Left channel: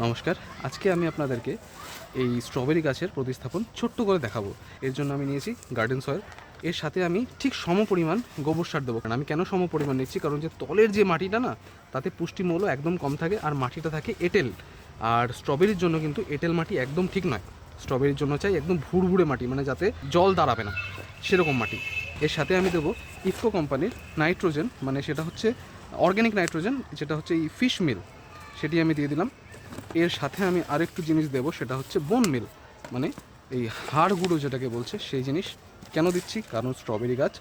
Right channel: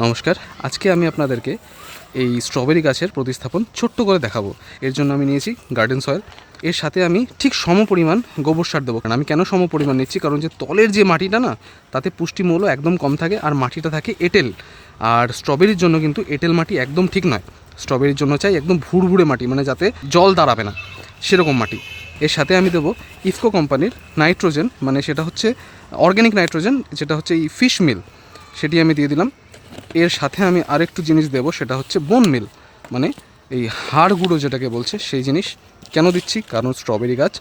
নমস্কার। আজকে আমি আপনাদেরকে এই স্ট্রবেরি গাছের প্রতিস্থাপন ছোট্ট করে দেখাবো। এর জন্য আমি নিয়েছি গার্ডেন সয়েল। এর সাথে আমি ঠিক সম পরিমাণ গোবর সার দেবো। কারণ আমি কেন সম পরিমাণ নিচ্ছি? কারণ যে তলের যে মাটিটা না, তাতে পুষ্টিমূল্য একদম কম থাকে আর মাটিটা থাকে এঁটেল। আর স্ট্রবেরির জন্য কিন্তু এঁটেল মাটি একদম ঠিক নয়। স্ট্রবেরির জন্য চাই একদম ভুড়ভুড়ে মাটি মানে যাতে জল দাঁড়াবে না। সেরকম মাটি। এর সাথে আমি দেবো ইফকো কোম্পানির নাইট্রোজেন মানে সেটা হচ্ছে অর্গ্যানিক নাইট্রোজেন, যেটা হচ্ছে এই ফিশ মিল। সেটি আমি দিয়ে দিলাম। এর সাথে আমি আরেকটু জিনিস দেবো, সেটা হচ্ছে বোন মিল মানে এই হাড় গুঁড়ো যেটাকে বলছে, সেই জিনিস কেন দিচ্ছি? কারণ স্ট্রবেরি গাছ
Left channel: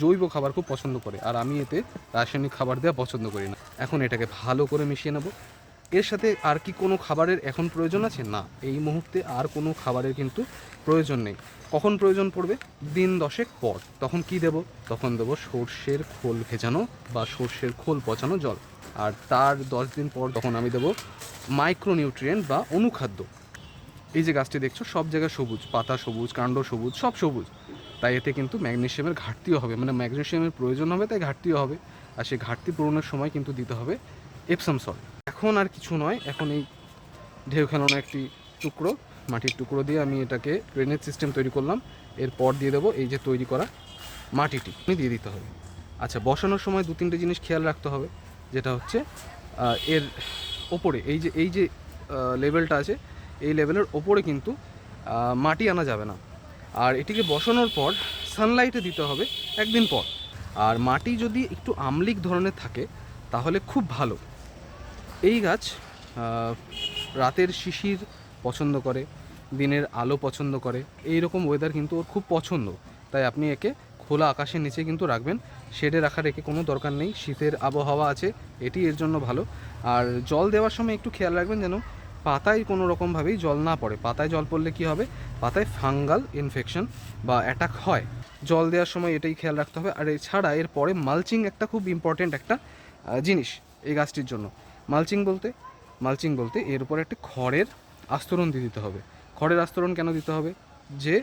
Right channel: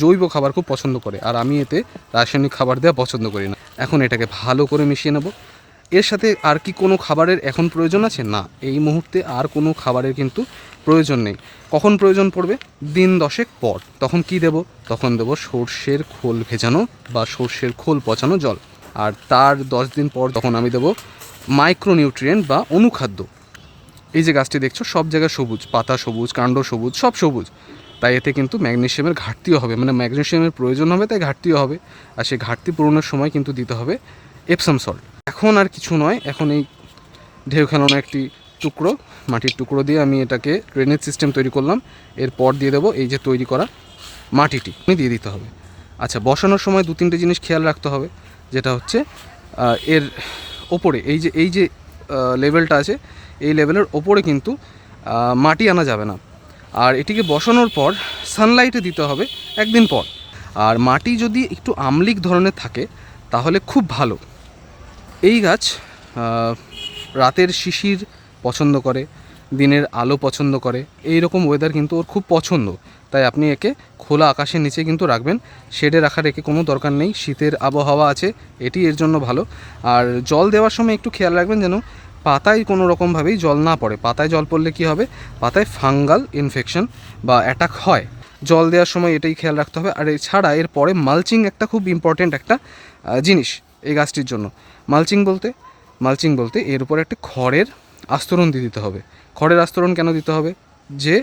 জৈব খাবার খুব পছন্দ করে, আর আমি এতে রাসায়নিক খাবার দেওয়া পছন্দ করি না। এখন এটাকে ভালো করে মিশিয়ে নেব। এর সাথে আর কি কোনো খাবারের এখন প্রয়োজন আছে? না, এই মুহূর্তে আর কোনো খাবারের কিন্তু প্রয়োজন নেই। কখন প্রয়োজন পড়বে? দিন দশেক পর। তখন কি দেব? তখন দেব সর্ষের খোল ভেজানো বা সর্ষের খোল পচানো জল। আর তার দশ দিন পর তখন আমি দেবো মাইক্রোনিউট্রিয়েন্ট বা অনুখাদ্য। এই যে গাছটি দেখছ, সব জায়গায় সবুজ, পাতা সবুজ, কাণ্ড সবুজ, সব সবুজ। তাই এতে কিন্তু ম্যাগনেশিয়ামের ঘাটতিও হবে মানে ম্যাগনেশিয়ামের প্রয়োজন হবে, তাই ঘাটতিও হবে। আর সেই ঘাটতি পূরণের সময় কিন্তু দিতে হবে এপসাম সল্ট এখন আর কিছু নয়, এখন এই ঢেউ খেলানো একটি টুকরো, মাটির টুকরো দিয়ে আমি এটাকে ড্রেনেজ সিস্টেম তৈরি করলাম। এরপর দিয়ে দেবো এই যে তৈরি করা মাটিটি আমি দিয়ে দিতে হবে। আচ্ছা বসানোর সময় দু তিনটে জিনিস খেয়াল রাখতে হবে, যেটা হচ্ছে এর ওপরে, এই যে এই যে লেভেলটা আছে, এই লেভেলের ওপরে কিন্তু মাটি আনা যাবে না। আর এটিকে বসানোর পর সানলাইটে দিতে হবে একদিন পর। আর মাটি যদি একটু আমলিক ধরনের থাকে, তাহলে খুব ভালো। এই গাছ রাতের শিশির পছন্দ করে দিনের আলো পছন্দ করে। এই রকম ওয়েদার কিন্তু ওর খুব পছন্দ। তাই আপনি একে খোলা আকাশের নিচে কিন্তু রাখবেন। শেডে রাখার একে কোনো দরকার নেই। শীতের আবহাওয়া আছে, এটি এর জন্য ভালো। আর জল দেওয়ার সময় একটু খেয়াল রাখবেন যেন পাতায় কোনো রকমভাবেই জল না পড়ে। পাতায় জল পড়লে কি হবে? পাতায় ফাঙ্গাল ইনফেকশন বা অ্যাটাক হয়। জল দেওয়ার সময় এটাই খেয়াল রাখতে হবে। আর এছাড়া এর পরে মালচিং একটা খুব ইম্পর্ট্যান্ট একটা জিনিস এই গাছটির জন্য। মালচিং বলতে মালচিং বলতে এর উপরে একটা খড়ের আস্তরণ দিয়ে দিতে হবে। খড়ের আস্তরণ কেন দিতে হবে? যে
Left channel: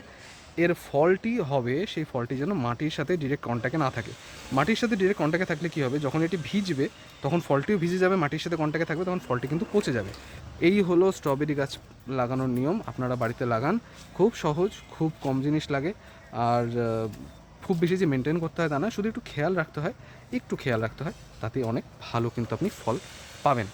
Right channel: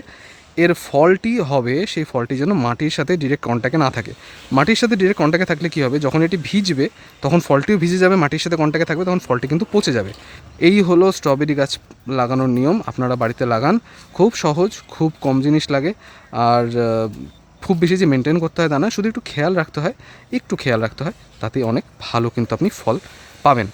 এর ফলটি হবে, সেই ফলটি যেন মাটির সাথে ডিরেক্ট কন্ট্যাক্টে না থাকে। মাটির সাথে ডিরেক্ট কন্ট্যাক্টে থাকলে কী হবে? যখন এটি ভিজবে, তখন ফলটিও ভিজে যাবে, মাটির সাথে কন্ট্যাক্টে থাকবে, তখন ফলটি কিন্তু পচে যাবে। এই হলো স্ট্রবেরি গাছ লাগানোর নিয়ম। আপনারা বাড়িতে লাগান। খুব সহজ, খুব কম জিনিস লাগে। আর খুব বেশি যে মেনটেন করতে হয় তা না, শুধু একটু খেয়াল রাখতে হয়, একটু খেয়াল রাখতে হয় তাতে অনেক ভালো কিন্তু আপনি ফল পাবেন।